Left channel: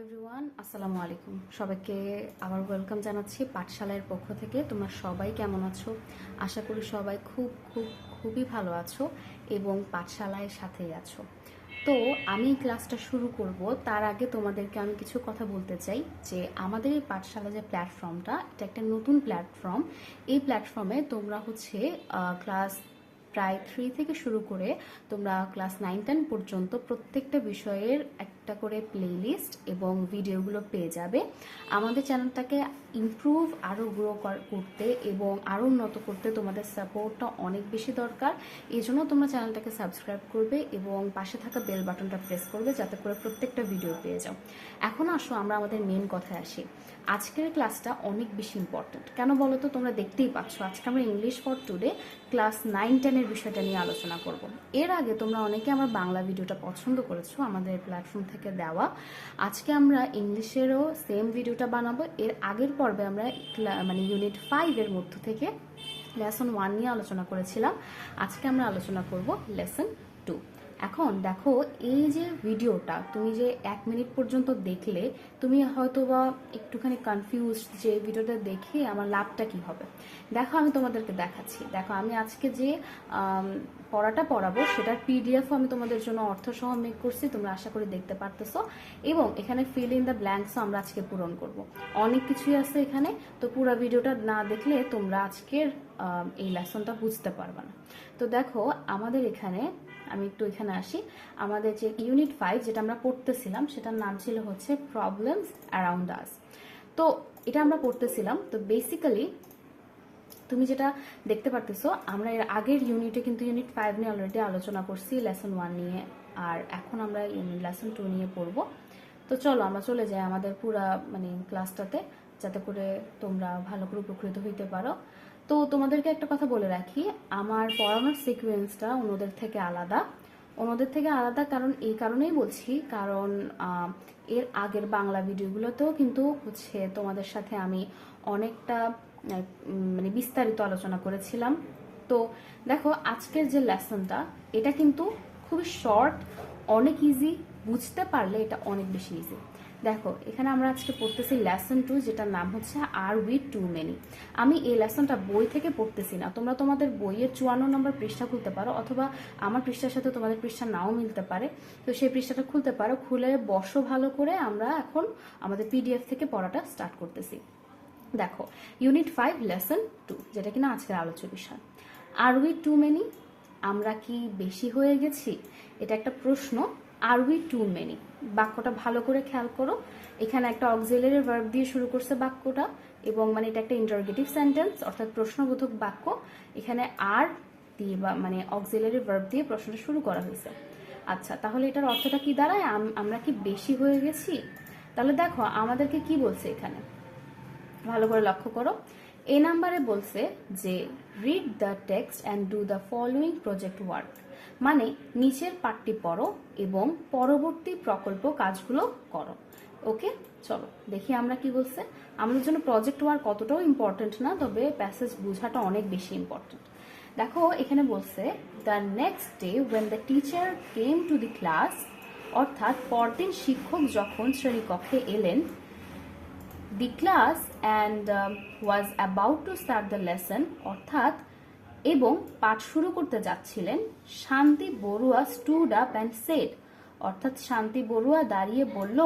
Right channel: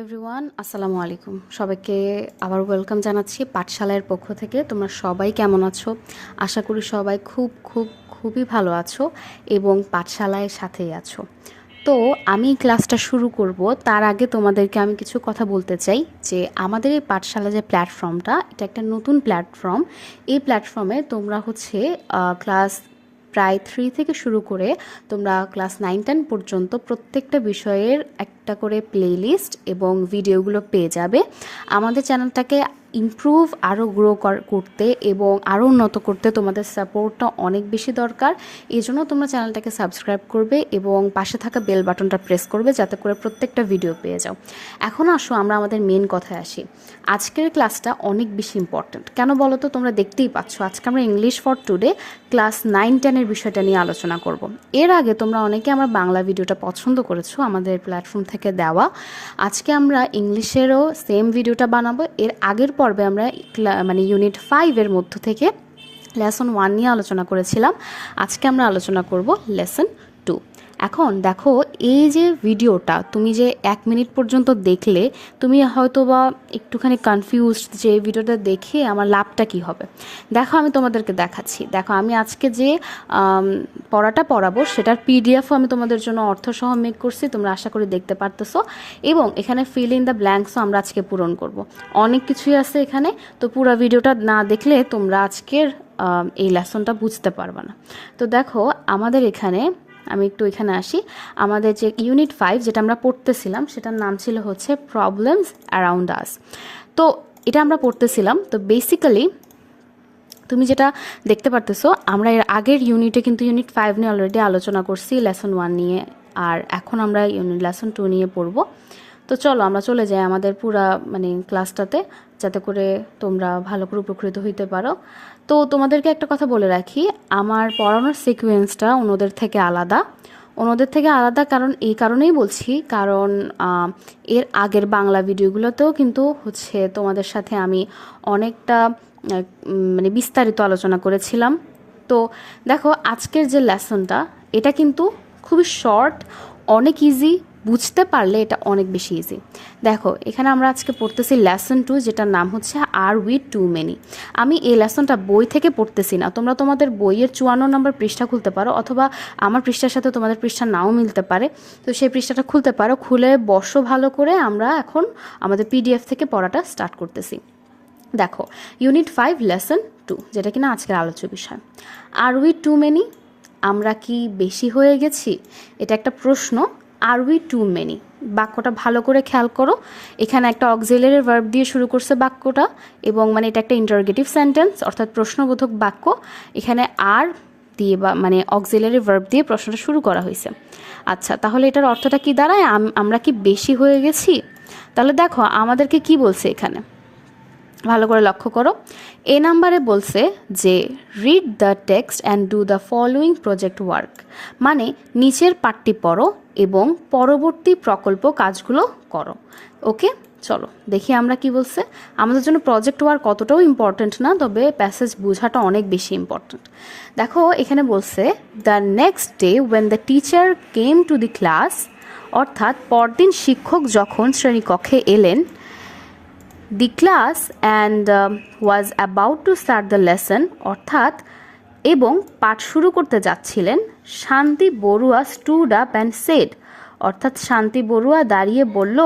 Everyone আসসালামু আলাইকুম সবাইকে আবার ওয়েলকাম জানাচ্ছি পাঠশালার পক্ষ থেকে। তোমরা সবাই কেমন আছো? আশা করি সবাই খুবই ভালো আছো এবং পাঠশালায় সাথেই আছো। তো আমি ক্লাসটা শুরু করব তার আগে তোমাদেরকে আমি কিছু কথা বলতে চাই যে আমাদের এই পাঠশালা যে প্ল্যাটফর্মটা, এটা একটা নতুন প্ল্যাটফর্ম। এই প্ল্যাটফর্মে তোমরা ক্লাস প্রায় 3 থেকে শুরু করে তোমরা ক্লাস 9-10 পর্যন্ত প্রত্যেকটা বিষয়ের একটা করে প্লেলিস্ট এবং ভিডিওগুলো পেয়ে যাবে। আমাদের চ্যানেলটাকে ইমপ্রুভ আরও গ্রো করতে এবং আরও উন্নত করতে তোমাদের সাপোর্টটা অনেক বেশি দরকার। এই জন্য তোমরা চ্যানেলটাকে সাবস্ক্রাইব করবে এবং পাশে থাকা বেল বাটনটা প্রেস করবে যাতে করে প্রত্যেকটা ভিডিও পেয়ে যাও। এখন আসো আমরা আমাদের মেন কথায় আসি। আজকের ক্লাসটা অনেক বেশি ইম্পর্ট্যান্ট। কেন বলো তো? তোমরা দেখতেই পাচ্ছ আজকে আমরা ইংলিশ ফর টুডে ক্লাস 9-10-এর বিষয়টা নিয়ে আলোচনা করব। এর আগে তোমরা অনেকে আমার বাংলা ভিডিওটা পছন্দ করেছো আমাদের প্ল্যাটফর্ম থেকে দেওয়া। আজকে আমরা ইংলিশেরও সেম ভিডিওটা বানাবো। এর আগের পর্বে আমরা ইউনিট 5-এর মধ্য থেকে লেসন 1 নিয়ে আলোচনা করেছিলাম। আজকে আমরা আলোচনা করব লেসন 2। এখন দেখো, এই যে ভিডিওটা তুমি যে 1 মিনিট পর্যন্ত দেখলে, তুমি হয়তো বা একটুখানি কনফিউজড যে এই ভিডিওটা দেখে আমার লাভটা কি হবে। দেখো আমি তোমাদেরকে দেখাচ্ছি। দেখো আমি আজকে যে পড়াটা পড়াবো সেটার পিডিএফও আমি তোমাদের জন্য অর্থসহ মেক করছি, তোমরা আশা করি দেখতে পারতেছো। এবং এখানে ফিল ইন দ্য ব্ল্যাঙ্কসও আমরা আজকে পূরণ করব। অনেক কিছুই আছে এখানে, তো পুরো ভিডিওটা না দেখলে তোমরা আজকের এই লেসনটা বুঝতে পারবে না। তো দেখো আমাদের এখানে, আমি একটু এখানে আসি। আমাদের যে ইউনিট 5 যেটা আমরা পড়তেছিলাম সেটার নাম ছিল হচ্ছে প্রবলেমস অ্যারাউন্ড আস। তো এটা আমরা পড়তেছিলাম। তো বেসিক্যালি তুমি যেটা দেখতে পারতেছো, আমরা এর আগের ইউনিটে কিন্তু ইউনিট 5 নিয়ে অলরেডি আলোচনা করছি লেসন 1 নিয়ে, আর এখন আমরা লেসন 2 নিয়ে পড়বো। তো চলো আমরা চলে যাই আমাদের পুরা ক্লাসটাতে, যাতে করে তোমরা ভালো করে উপকৃত হইতে পারো। তো তোমাদেরকে একটা কথা বলে রাখি, আমার পড়ানোর সিকোয়েন্সটা অন্যদের থেকে আলাদা। কারণ এই কারণেই বলছি, কারণ এর আগের বাংলা ভিডিওগুলোতেও কিন্তু তোমাদের সাথে আমি অনেকটা বিস্তারিত আলোচনা করেছিলাম। তো দেখো আজকের যে লেসনটা, এটা কিন্তু খুবই শর্ট, অনেক ইজি, বুঝতে পারলে এটা অনেক বেশি ইজি। দেখো এখানে আমরা আজকে পড়তেছি লেসন 2, যেটার নাম হচ্ছে আর উই টু মেনি। আমি এই লেসনটা বই থেকে পড়তেছি না, তোমরা তোমাদের বইয়ের 54 নম্বর পৃষ্ঠা খুলতে পারো, অথবা আমার পৃষ্ঠার সাথে তোমাদের পৃষ্ঠা নাও মিলতে পারে। তো সেই পৃষ্ঠাটা খুলতে পারো, খুলে বসো ভালো করে। আমরা এখন আমাদের পিডিএফ থেকে পড়াটা স্টার্ট করতেছি। দেখো ইউনিট 5 লেসন 2, যেটা কিনা আজকের আলোচ্য বিষয়। আর উই টু মেনি, আমরা কি বেশি হয়ে গেছি? এটা একটা প্রশ্ন। আর উই টু মেনি বাক্যটা ভালো করে খেয়াল করো। এখানে একটা অক্সিলারি ভার্ব দিয়ে শুরু করছে বাক্যটা, এবং এটা একটা ইন্টারোগেটিভ সেন্টেন্স, অর্থাৎ প্রশ্নবোধক বাক্য। এখানে আর দিয়ে অক্সিলারি ভার্ব দিয়ে প্রশ্নটা শুরু করা হয়েছে। আচ্ছা, তাহলে এটার অর্থটা কি দাঁড়ায়? আমরা কি বেশি হয়ে গেছি? তাহলে দেখো আমাদেরকে কি বলছে এখানে, ভালো করে লক্ষ্য করো। এ নাম্বারে বলছে যে read the text and do the following project work, নিচের পাঠটি পড়ো এবং পরবর্তী প্রকল্প কাজগুলো করো। ওকে, চলো দেখি আমরা কি বলছে। আমাদের জন্য প্রজেক্ট ওয়ার্ক কতটাও ইম্পর্ট্যান্ট না, তবে প্যাসেজ বোঝাটা অনেক বেশি ইম্পর্ট্যান্ট। দেখো এখানে বলছে the next day when the teacher came to the class, অর্থাৎ পরদিন শিক্ষক যখন শ্রেণীকক্ষে এলেন, the class and was about to start the lesson, অর্থাৎ এবং পাঠ শুরু করতে যাচ্ছিলেন, Shanti Barua stood up and said, অর্থাৎ শান্তি বড়ুয়া দাঁড়িয়ে বলল,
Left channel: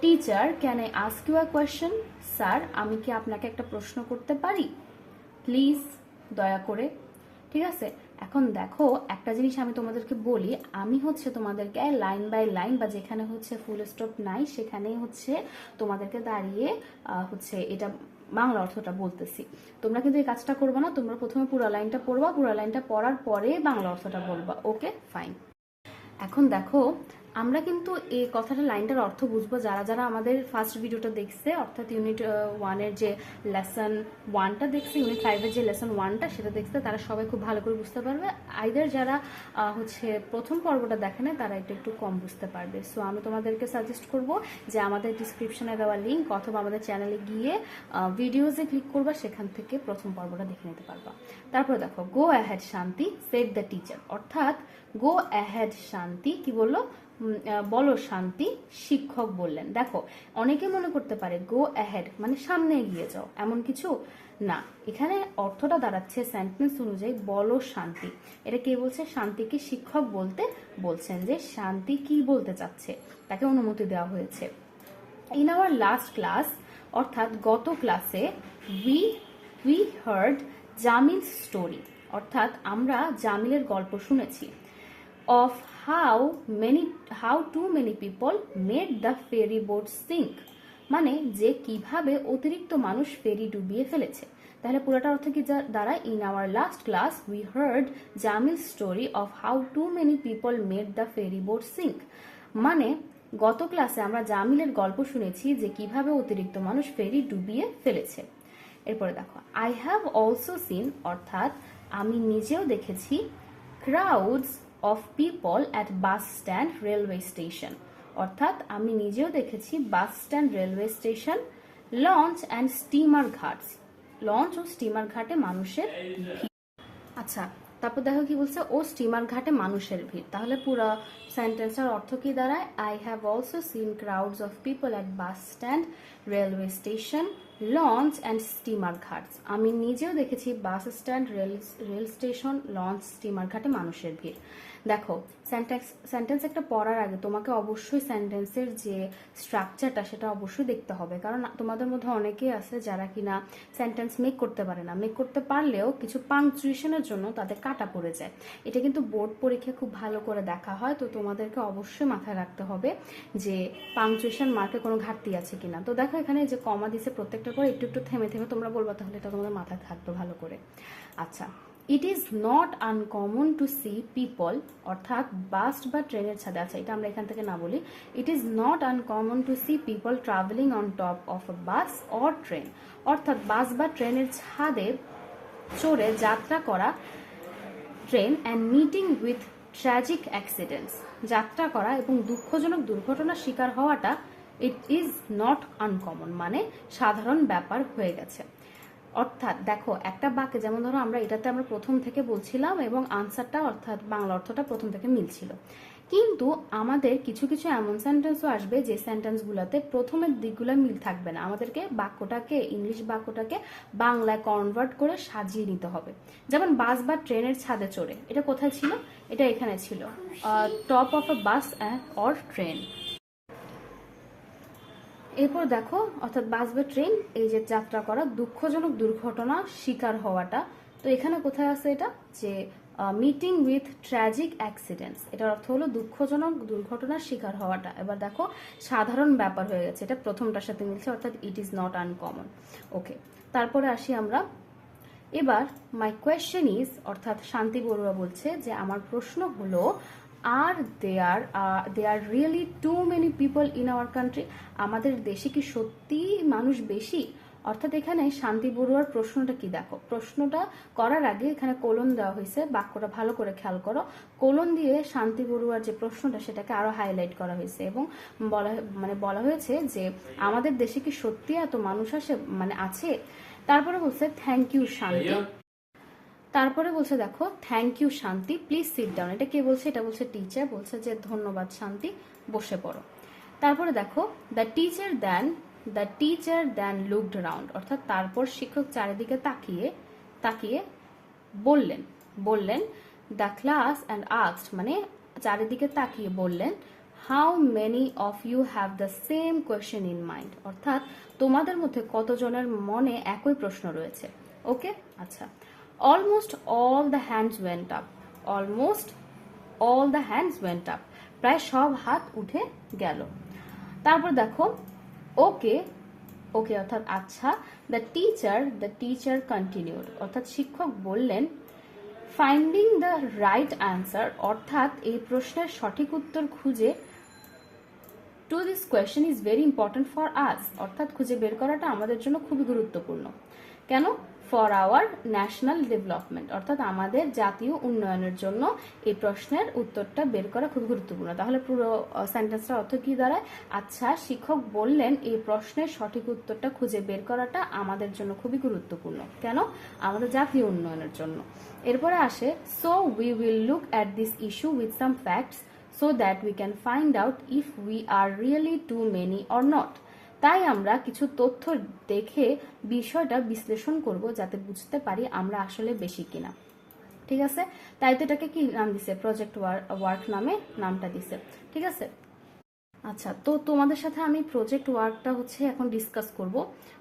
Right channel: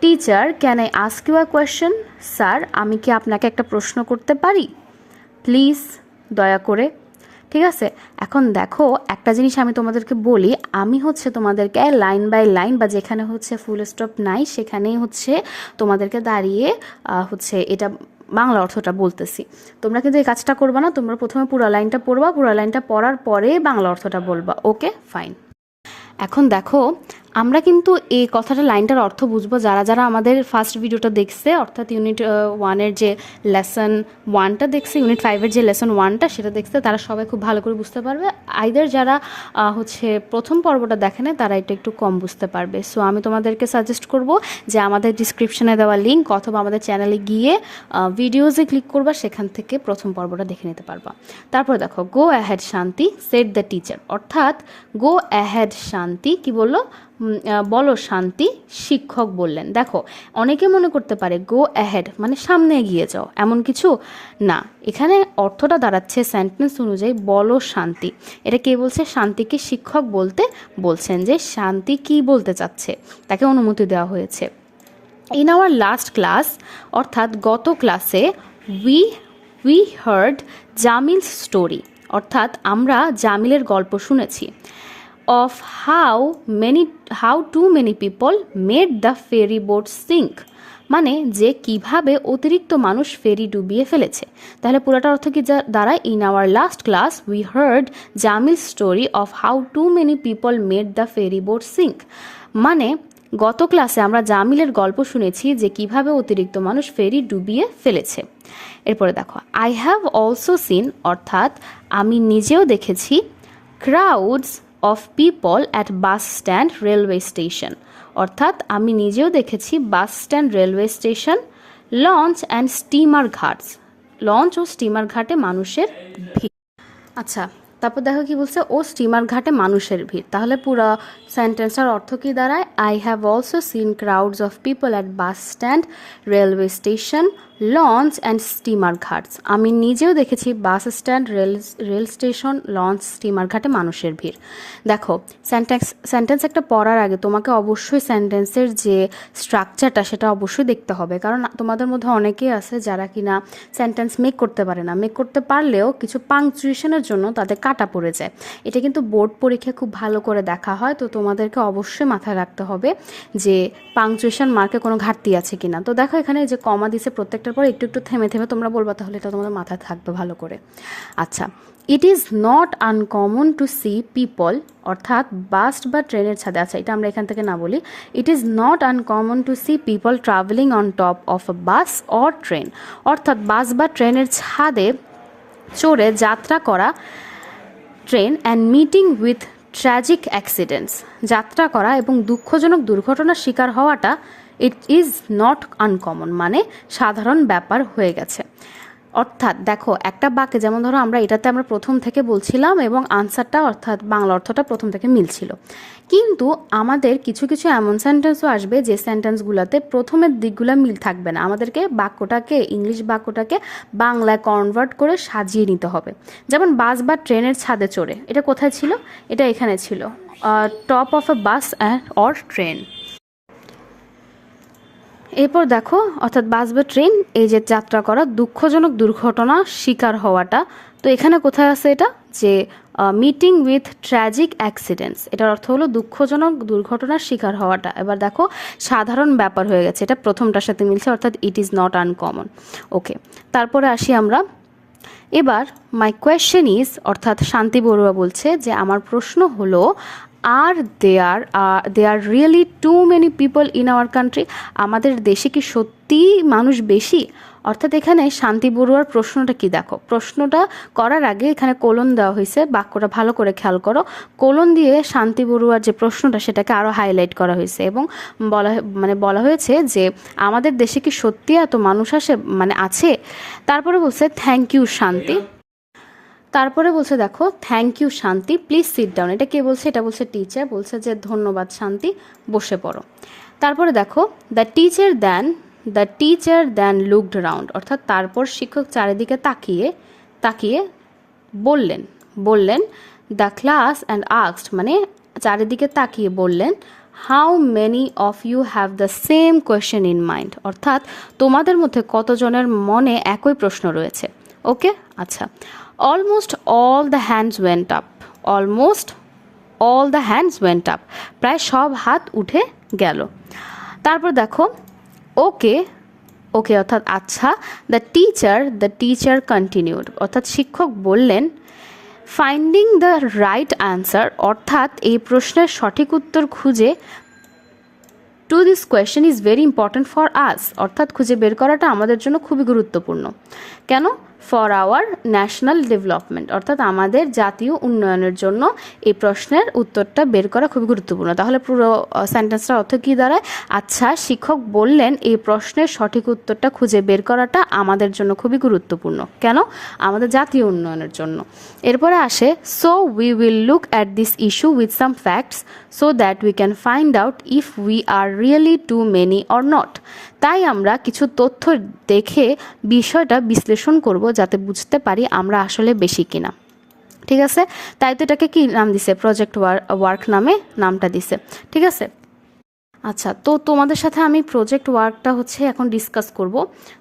teacher can I ask you a question, sir আমি কি আপনাকে একটা প্রশ্ন করতে পারি? প্লিজ, দয়া করে। ঠিক আছে, এখন দেখো একটা জিনিস আমি তোমাদেরকে বলি, আমি তোমাদেরকে লাইন বাই লাইন, বা যেখানে ফুল স্টপ নাই সেখানেই তোমাদেরকে দাঁড়িয়ে এটা বাংলা অর্থটা বলতেছি। তোমরা কিন্তু এই কাজটা করবা না, তোমরা প্রথমে পুরো লাইনটা পড়বা, পুরো লাইনটা পড়ার পরে বাংলা অর্থটা বলবা। Okay fine. এখন দেখো আমরা কিন্তু এই কথাটা, লাইনটার অর্থ বুঝবো যারা যারা আমাদের ফার্স্ট ভিডিওটা দেখছে, অর্থাৎ ইউনিট 1-এর যে লেসন 1টা দেখছে, ইউনিট 5-এর যে লেসন 1টা সেটা দেখছে, তারা সবাই খুব ভালো করে বুঝতে পারবে। আইদার যারা প্রথম পর্বটা দেখে না, তারা এটা একটু কম বুঝতে পারবে। সো আমি তোমাদেরকে সাজেস্ট করব যে আমাদের ডিসক্রিপশনে দেওয়া লিঙ্ক অথবা আমাদের চ্যানেলে গিয়ে ভিডিওসে ক্লিক করবা, সেখান থেকে প্রথম পর্বটা দেখে নিতে পারবা। তারপর দেখো গো অ্যাহেড শান্তি সেড দ্য টিচার, অর্থাৎ গো অ্যাহেড শান্তি কি বললো? বলো শান্তি, শিক্ষক বললেন। দেখো, অনেকে মনে করতে পারে গো অ্যাহেড মানে সামনে এগিয়ে যাও, এমন কিছু না। এখানে অর্থটা দাঁড়াচ্ছে সেন্টেন্স অনুযায়ী বলো শান্তি। এটা কে বলছে? শান্তিকে শিক্ষক বলতে বলছেন, যে শান্তি কি বলতে চাচ্ছে তাকে অনুমতি দেওয়া হয়েছে। ইন আওয়ার লাস্ট ক্লাস, অর্থাৎ গত ক্লাসে, we we heard Jamil story, অর্থাৎ আমরা জামিলের গল্প শুনেছি। Of how too many people made the ferry boat sink, মানে যে কিভাবে অতিরিক্ত মানুষ ফেরি ডুবিয়ে ফেলেছে। তাহলে পুরোটা অর্থ কি দাঁড়ায়? In our last class we heard Jamil story of how too many people made the ferry boat sink, মানে গত ক্লাসে আমরা জামিলের গল্প শুনেছি যে কিভাবে অতিরিক্ত মানুষ ফেরি ডুবিয়ে ফেলেছে। এরপরে দেখো, আই হ্যাভ অলসো সিন, অর্থাৎ আমি নিজেও দেখেছি, crowds of people at bus stand railway station, অর্থাৎ আমি নিজেও দেখেছি bus stand railway station, launch and steamer ghats, launch ও স্টিমার ঘাটে মানুষের ভিড়। আচ্ছা, তারপর দেখো কি বলছে, ও স্টিমার ঘাটে মানুষের ভিড়। তাহলে পুরো সেন্টেন্সটার অর্থ কি দাঁড়ায়? I have also scene crowds of people at bus stand railway station, launch and steamer Ghats, আমি নিজেও দেখেছি bus stand, rail station, launch, steamer ঘাটে মানুষের ভিড়। দেখো, সেন্টেন্স একটা পড়ার আগে তোমাকে অবশ্যই সেন্টেন্সের যে স্ট্রাকচারটা সেটা অবশ্যই দেখতে হবে, কারণ তোমাদের মধ্যে অনেকেই আছে যারা কিনা সেন্টেন্স মেক করতে পারে না। মেক করতে পারলেও কিছু পাংচুয়েশনের জন্য তাদের কাটা পড়ে যায়। এটা কিন্তু বোর্ড পরীক্ষায় খুব ভালো করে দেখা হয়, তো তোমাদেরকে অবশ্যই মাথায় রাখতে হবে যে পাংচুয়েশন মার্কে কোনো ঘাটতি আছে কিনা। তো দেখো, এখানে যে কমা দিছে প্রত্যেকটার পর একটু একটু থেমে থেমে তোমরা বলবা, তাহলে এটা তোমাদের মাথায় থাকবে ভালো করে। আচ্ছা, it is not uncommon to see people, অর্থাৎ বাস বা ট্রেনের ছাদে, আচ্ছা এটা আমরা এখান থেকে না বলি, it is not uncommon to see people travelling on top of a bus or train, অর্থাৎ বাস বা ট্রেনের ছাদে চড়ে যাত্রা করা, train and meeting with tragic accidents, যাত্রা করা এবং দুঃখজনক দুর্ঘটনার শিকার হওয়াটা, ইট ইজ নট আনকমন মানে সাধারণ ব্যাপার হয়ে গেছে। অর্থাৎ দেখো, একটা বাক্যে যেমন ধরো আমরা এটাতে আমরা প্রথম থেকে বলছিলাম এবং আনসারটা অর্থাৎ বাংলা অর্থটা প্রথম থেকে মিলছিল, কিন্তু আমাদের কিছু কিছু এমন সেন্টেন্সও আসবে যে সেন্টেন্সগুলোতে প্রথমের দিকগুলো মিল থাকবে না। আমাদেরকে বাক্যটাকে, ইংলিশ বাক্যটাকে বাংলায় কনভার্ট করে সাজিয়ে নিতে হবে। যেমন বাস বা ট্রেনের ছাদে চড়ে, এটা কোথায় ছিল? এটা এখানে ছিল, top of a bus or train. এরপর দেখো, অর্থাৎ বাস বা ট্রেন, এই যে যাত্রা করা, দুঃখজনক দুর্ঘটনা শিকার হওয়াটা, তো এখানে কোথায় আছে এটা? যে মিটিং উইথ ট্র্যাজিক অ্যাক্সিডেন্টস, এটার অর্থ হলো দুঃখজনক দুর্ঘটনার শিকার হওয়াটা। এবার দেখো, সাধারণ ব্যাপার হয়ে গেছে, এটা প্রথমটার সাথে মিলছে, অর্থাৎ ইট ইজ নট আনকমন। ওকে, তারপরে আসি আমরা। এবার মাই কোয়েশ্চেন ইজ, অর্থাৎ শান্তি বড়ুয়া বলছে যে আমার প্রশ্ন হলো, are there really too many people in our country, আমাদের দেশে কি সত্যিই মানুষ বেশি? অর্থাৎ এখানে শান্তি বড়ুয়ার প্রশ্নটা কি, দেখো প্রশ্নটা করার আগে এখানে কোলন দেওয়া হয়েছে, বাক্যটা ভালো করে খেয়াল করো। কোলন দিয়ে শান্তি বড়ুয়ার যে প্রশ্নটা সেটাকে আরও হাইলাইট করা হয়েছে এবং বলা হয়েছে যে আমাদের দেশে কি সত্যি এত মানুষ আছে। তারপরে বলছে থ্যাংক ইউ শান্তি, তারপরে বলছে দেখো, থ্যাংক ইউ শান্তি, প্লিজ সিট ডাউন, এটা কে বলছে? এটা বলছে টিচার, বলছে যে ধন্যবাদ শান্তি, বসে পড়ো। তারপরে দেখো, the teacher then looked round, অর্থাৎ তারপর শিক্ষক চারিদিকে তাকিয়ে তাকিয়ে বললেন দ্য ক্লাস অ্যান্ড আস্কড, মানে চারিদিকে তাকিয়ে বললেন, how many of you have the same question in mind, অর্থাৎ তোমাদের মধ্যে কতজনের মনে একই প্রশ্ন রয়েছে। ওকে, আচ্ছা, almost all the hands went up, প্রায় সব হাত উঠে গেল। তারপর দেখো, ওকে অর্থাৎ আচ্ছা, দ্য টিচার কন্টিনিউড, অর্থাৎ শিক্ষক বললেন, ফাইন্ডিং দ্য রাইট অ্যান্সার, অর্থাৎ এই প্রশ্নের সঠিক উত্তর খুঁজে, to this question is very important for us, অর্থাৎ খুঁজে বের করাটা আমাদের জন্য খুবই গুরুত্বপূর্ণ। কেন? ফর আওয়ার ন্যাশনাল ডেভেলপমেন্ট, অর্থাৎ আমাদের জাতীয় উন্নয়নের জন্য এই প্রশ্নের উত্তরটা বের করা খুবই গুরুত্বপূর্ণ। তাহলে পুরো সেন্টেন্সটার অর্থ কী দাঁড়ায়? আচ্ছা, শিক্ষক বললেন এই প্রশ্নের সঠিক উত্তরটা খুঁজে বের করাটা আমাদের জন্য খুবই গুরুত্বপূর্ণ। কেন? আমাদের জাতীয় উন্নয়নের জন্য। এরপরে আসে, so we will look at this issue with some facts so that we can find out if we are really too many or not. তাই আমরা কিছু তথ্য দেখে বিষয়টা বিশ্লেষণ করব, যাতে বুঝতে পারি আমরা আসলে বেশি কিনা। ঠিক আছে? তাই তো এটাকে কি নাম দিছে? প্রজেক্ট ওয়ার্ক নামে নামটা দিছে। ঠিক আছে? আচ্ছা, তো তোমাদের সাথে আমি প্রজেক্ট ওয়ার্কটা হচ্ছে এখন ডিসকাস করব।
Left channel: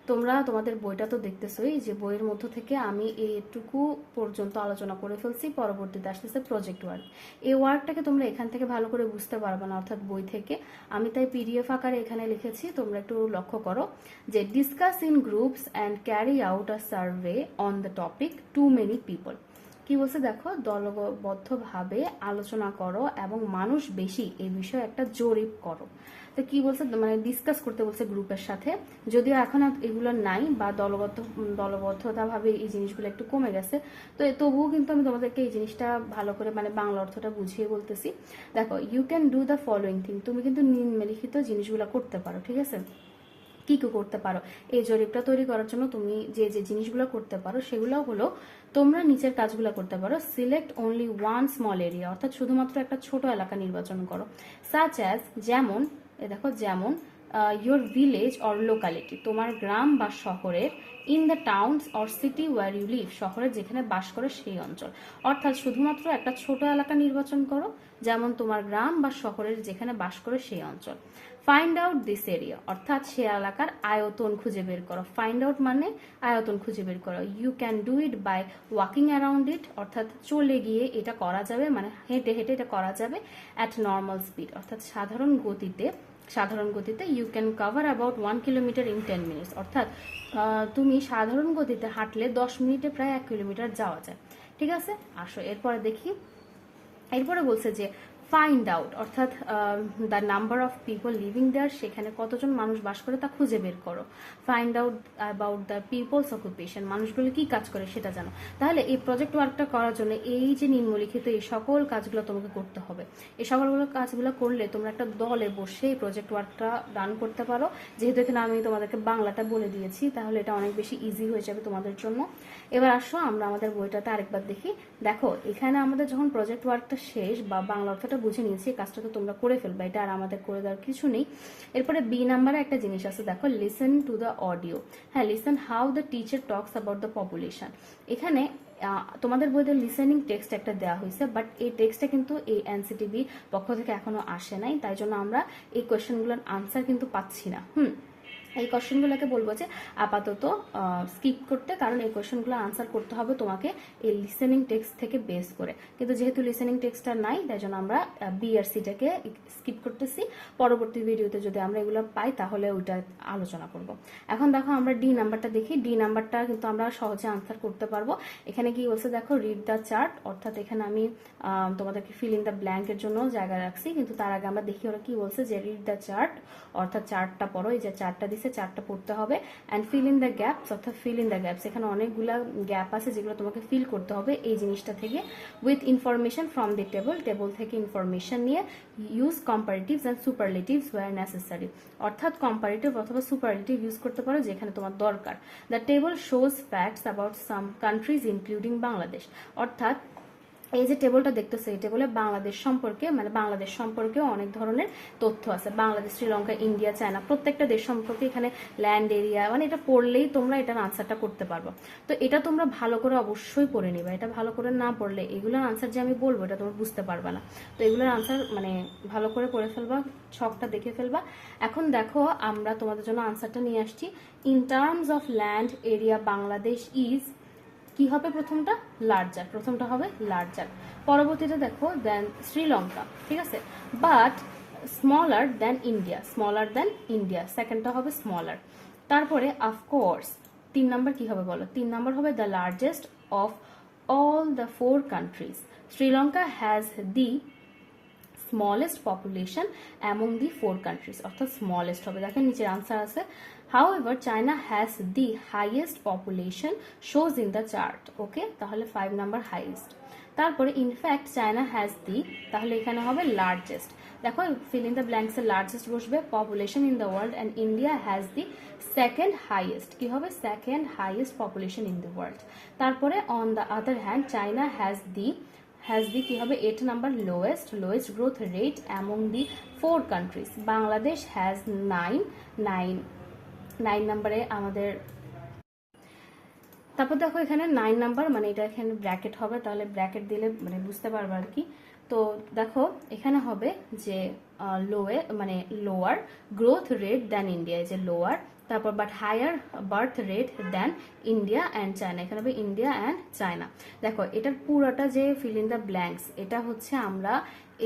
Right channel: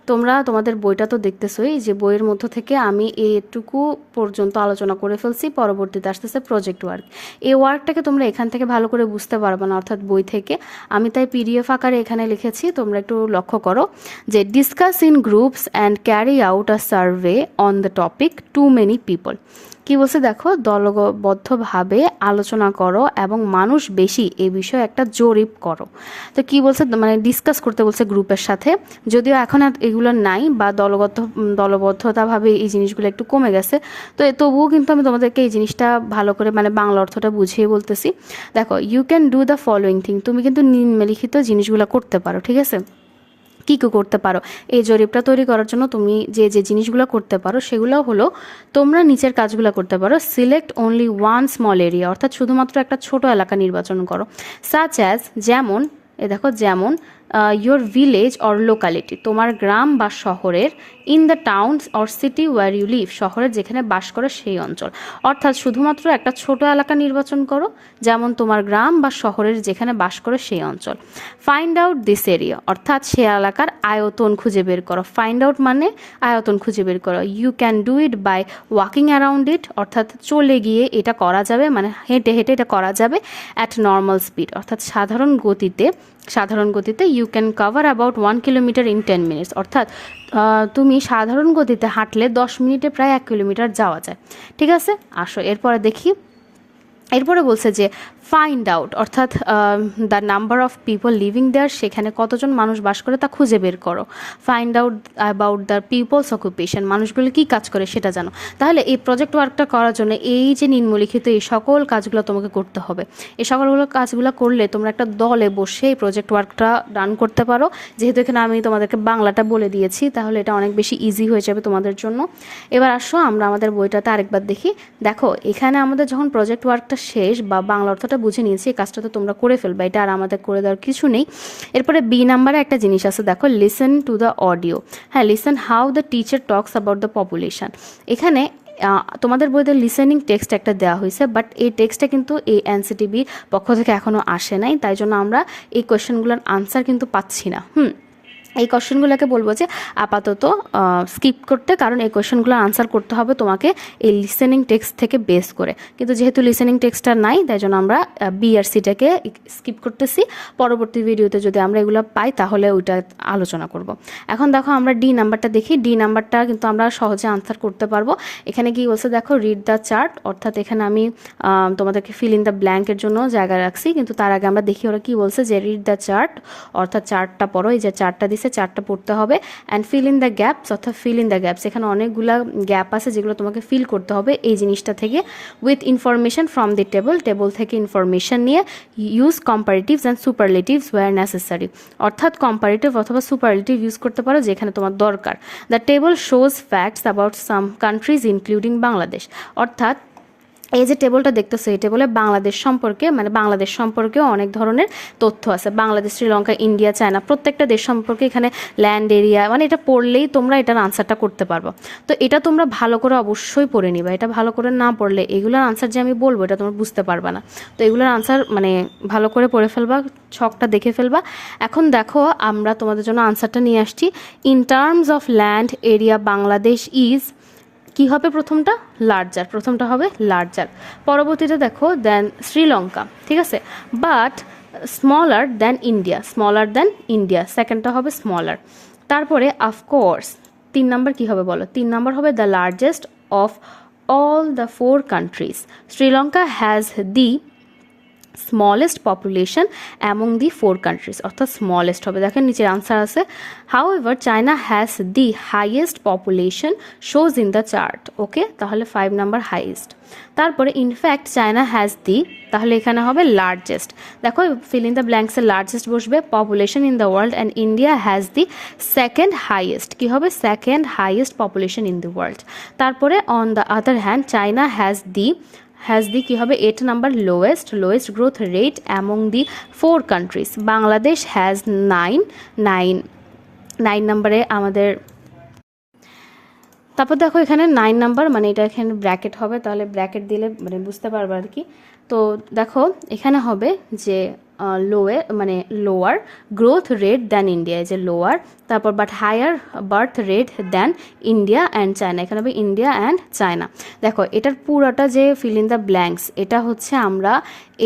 তোমরা তোমাদের বইটা তো দেখতেছোই, যে বইয়ের মধ্য থেকে আমি এইটুকু পর্যন্ত আলোচনা করে ফেলছি, পরবর্তীতে আসতেছে প্রজেক্ট ওয়ার্ক। এই ওয়ার্কটাকে তোমরা এখান থেকে ভালো করে বুঝতে পারবে না, অর্থাৎ বই থেকে। আমি তাই পিডিএফ আকারে এখানে লিখেছি, তোমরা একটু লক্ষ্য করো যে discuss in groups and carry out a survey on the topic too many people. কি বলছে দেখো, দলবদ্ধভাবে আলোচনা করো এবং মানুষ বেশি এই বিষয়ে একটা জরিপ করো। তো কি বলছে, মানে ডিসকাস করতে বলছে গ্রুপের সাথে, যদিও এখন আর এগুলো নাই বা দলবদ্ধতাভাবে এই জিনিসগুলো একটু কমে গেছে। তো তবুও কিন্তু আমি তোমাদেরকে এই জিনিসটা ভালো করে মানে বাংলা অর্থটা বুঝিয়ে বলতেছি। দেখো, you can do the following thing, তুমি কিন্তু নিম্নলিখিত জিনিসগুলো করতে পারো। ঠিক আছে? কী কী করতে পারো এই জরিপটা তৈরি করার জন্য? তুমি যে যে জিনিসগুলো করতে পারো সেগুলো হলো, তোমরা নিচের কাজগুলো করতে পারো। Select only one small area, অর্থাৎ শুধুমাত্র একটা ছোট এলাকা নির্বাচন করো। সাচ অ্যাজ, যেমন, দেখো, যেমন ইয়োর ভিলেজ অর লোকালিটি, তোমার গ্রাম বা শহরের। In the towns or city where you live, শহরের যেখানে বাস করে সেই অঞ্চল। অর্থাৎ শুধুমাত্র একটা ছোট এলাকা নির্বাচন করো, যেমন তোমার গ্রাম বা শহরের যেখানে বাস করে সেই অঞ্চল। ফাইন্ড আউট দিস এরিয়া, অর্থাৎ সে এলাকার আয়তন খুঁজে বের করো। ফাইন্ড আউট মানে আয়তন খুঁজে বের করো। You can do it by walking around it, অর্থাৎ চলে গিয়ে এটা করা যাবে, মানে হেঁটে হেঁটে এটা করা যাবে। অ্যাট নর্মাল স্পিড, অর্থাৎ সাধারণ গতিতে you can cover about 1 kilometre in 10 minutes, অর্থাৎ তুমি সাধারণ গতিতে হাঁটলে 10 মিনিটে প্রায় 1 কিলোমিটার যাওয়া যায়। ঠিক আছে? আসো এরপরে দেখি। এরপরে বলছে যে ফাইন্ড আউট, অর্থাৎ the number of people living there, সেখানে কতজন মানুষ বাস করে তা খুঁজে বের করো। Find out about the people's occupation, মানুষগুলো কী কাজ করে সেটা জানো। তাহলে এই প্রজেক্ট ওয়ার্কটা করার জন্য এই যে নিম্নলিখিত এই সকল কাজগুলো তোমাকে করতে হবে। এই সকলগুলো কাজগুলো করলে তোমরা একটা দলে বসে এই প্রজেক্ট ওয়ার্কটা রান করতে পারো। যেহেতু এখানে আমি তোমাদেরকে বাংলাটা বলে দিয়েছি, তাহলে এটা অনেক বেশি ইজি হয়ে যাবে তোমাদের জন্য। এবার আসো আমরা আমাদের বইটাতে আরেকবার দেখি। দেখো, এখানে আমাদের যখন প্রজেক্ট ওয়ার্কটা শেষ বা বাংলা অর্থটা বুঝে নিয়েছি, এই কাজটা তো তোমরা করে ফেলবে, এটা আর আমাদের করে দেওয়ার কিছু নেই। এরপরে বি নাম্বারে একটা জিনিস আছে, দেখো, লিসেন টু দ্য অডিও। হ্যাঁ, listen how the teacher talks about the population. এখানে তোমাদের বইতে লিসেনিং টেক্সট একটা দেওয়া হয়েছে, বাট এই টেক্সটটা কিন্তু এই এনসিটিভি পক্ষ থেকে এখনও আসে নাই, তাই জন্য আমরা এই কোয়েশ্চেনগুলোর আনসার কিন্তু পাচ্ছি না। এই কোয়েশ্চেনগুলোকে বলবো যে আপাতত স্কিপ করতে, কারণ এই কোয়েশ্চেনগুলোর আনসার করতে হবে তোমাকে এই লিসেনিং টেক্সট থেকে বেস করে। কিন্তু যেহেতু লিসেনিং টেক্সটটা নাই, তাই জন্য আমরা বি আর সিটাকে স্কিপ করতেছি। পরবর্তী ভিডিওতে যদি আমরা এগুলো পাই তাহলে ওইটা আলোচনা করব। এখন দেখো আমরা ডি নাম্বারটা দেখি। ডি নাম্বারটা কিন্তু আমরা সহজে আনসার করতে পারবো। এখানে কি বলছে দেখো, রিড দ্য চার্ট, অর্থাৎ এখানে আমি তোমাদেরকে ফিল ইন দ্য ব্ল্যাঙ্কের জন্য জায়গা রাখছি, কিন্তু তার আগে আমরা দেখি ওরা কি বলছে, যে রিড দ্য চার্ট, অর্থাৎ চার্টটা পড়ো। এই যে চার্টটা দিছে, চার্টটা পড়তে হবে। And feel in the gaps, অর্থাৎ ফিল ইন দ্য গ্যাপস, এখানে অনেকগুলো গ্যাপ আছে যেগুলো তোমাকে ফিল করতে হবে এই জিনিসটা থেকে। With information from the table থেকে ইনফরমেশন নিয়ে। Use comparatives and superlatives where necessary, অর্থাৎ কম্পারেটিভ অথবা সুপারলেটিভ ইউজ করতে পারো যেখানে তোমার দরকার। The table shows facts about some countries including Bangladesh, অর্থাৎ এই যে টেবলটা দেখতেছো, এই টেবলে বাংলাদেশ সম্পর্কে, মানে বাংলাদেশ সম্পর্কেও অনেক ধরনের তথ্য আছে। বাংলাদেশ, শ্রীলঙ্কা, ইন্ডিয়া, চায়না, প্রত্যেকটা দেশ সম্পর্কে এখানে ল্যান্ড এরিয়া, মানে এটা পড়লেই তোমরা এটার আনসারটা করতে পারবো। তো এটা তোমরা ভালো করে অবশ্যই পড়ে নিবা। এটা ভালো করে না পড়লে এগুলোর আনসার যে আমি বলবো এটা তোমরা বুঝতে পারবা না। তো এগুলোর আনসার মানে ভালো করে পড়ে ফেলবা, ছকটা দেখে ফেলবা। এখন দেখো আমরা তোমাদের জন্য আনসারটা নিয়ে আসছি। In terms of land area Bangladesh is, কি হবে প্রথমটা, লার্জার, প্রথমটা হবে লার্জার। পরবর্তীতে দেখো দেন শ্রীলঙ্কা, ঠিক আছে, বাট স্মলার দ্যান ইন্ডিয়া, সেকেন্ডটা হবে স্মলার। তারপরে অফকোর্স 3 নাম্বার কী হবে বলো, 3 নাম্বার হবে the largest of all the 4 countries. Sri Lanka has the smallest population among the 4 countries, অর্থাৎ স্মলেস্ট হবে। দেখেন নিচের আনসার আছে, however China has the highest population shows in the chart. Okay, তাহলে 5 নাম্বার হাইয়েস্ট। তারপরে ইনফ্যাক্ট চায়না হ্যাজ দি, তাহলে এখানে হবে লার্জেস্ট। দেখো ফিল ইন দ্য ব্ল্যাঙ্কসে লার্জেস্ট বসবে, population in the world, and India has the second highest. কী হবে? Second highest population in the world. তারপরে on the other hand China has the কী হবে? 8 number lowest growth rate among the 4 countries. Bangladesh has 9 নাম্বারে আমাদের। তারপর দেখো এখানে 9 number, মানে এটা এখানে ব্র্যাকেট হবে, তাহলে ব্র্যাকেট দিলে মানে বুঝতে পারবে আর কি। তো দেখো এখানে হবে যে lower growth rate than India, যে লোয়ার, তারপর but higher birth rate than India and China, এখানে হবে ইন্ডিয়া অ্যান্ড চায়না। দেখো এটার পুরোটা যে ফিল ইন দ্য ব্ল্যাঙ্কস, এটা হচ্ছে আমরা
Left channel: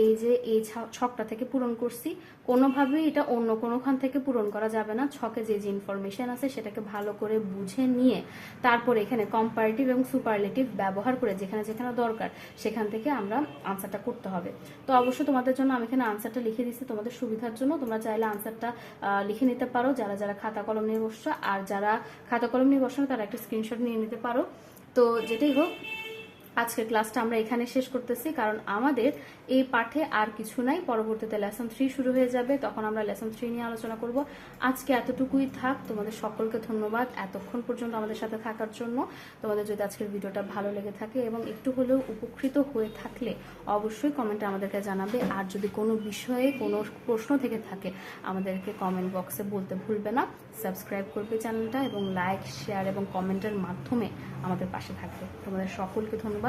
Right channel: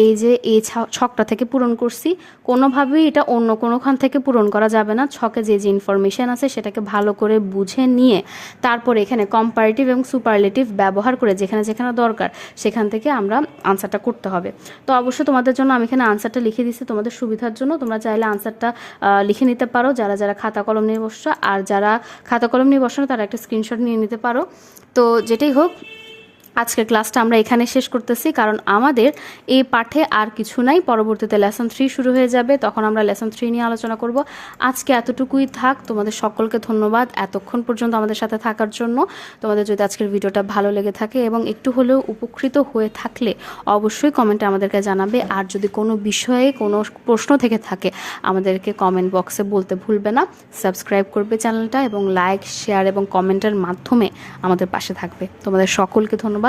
এই যে এই ছকটা থেকে পূরণ করছি, কোনোভাবেই এটা অন্য কোনোখান থেকে পূরণ করা যাবে না। ছকে যে ইনফরমেশান আছে সেটাকে ভালো করে বুঝে নিয়ে তারপরে এখানে কম্পারেটিভ এবং সুপারলেটিভ ব্যবহার করে যেখানে যেখানে দরকার সেখান থেকে আমরা আনসারটা করতে হবে। তো অবশ্যই তোমাদের জন্য আমি এখানে আনসারটা লিখে দিচ্ছি তোমাদের সুবিধার জন্য, তোমরা চাইলে আনসারটা লিখে নিতে পারো যারা যারা খাতা কলম নিয়ে বসছো, আর যারা খাতা কলম নিয়ে বসো না তারা একটা স্ক্রিনশট নিয়ে নিতে পারো। তো যেটাই হোক, আজকের ক্লাসটা আমরা এখানে শেষ করতেছি, কারণ আমাদের এই পাঠে আর কিছু নাই। পরবর্তীতে লেসন 3 শুরু হয়ে যাবে, তখন আমরা লেসন 3 নিয়ে আলোচনা করব। আজকে এতটুকুই থাক। তোমাদের সকলকে ধন্যবাদ এতক্ষণ পর্যন্ত আমাদের সাথে থাকার জন্য। তোমাদের যদি আজকের ভিডিওটা ভালো লেগে থাকে এবং একটু হলেও উপকৃত হয়ে থাকলে অবশ্যই কমেন্টে আমাদেরকে জানাবে। আর যদি কোনো বিষয়ে কোনো প্রশ্ন থেকে থাকে আমাদেরকে কমেন্ট বক্সে বলতে ভুলবে না। সাবস্ক্রাইব করবে চ্যানেলটা এবং লাইক, শেয়ার এবং কমেন্টের মাধ্যমে আমাদের পাশে থাকবে। তোমাদের সকলকে ধন্যবাদ।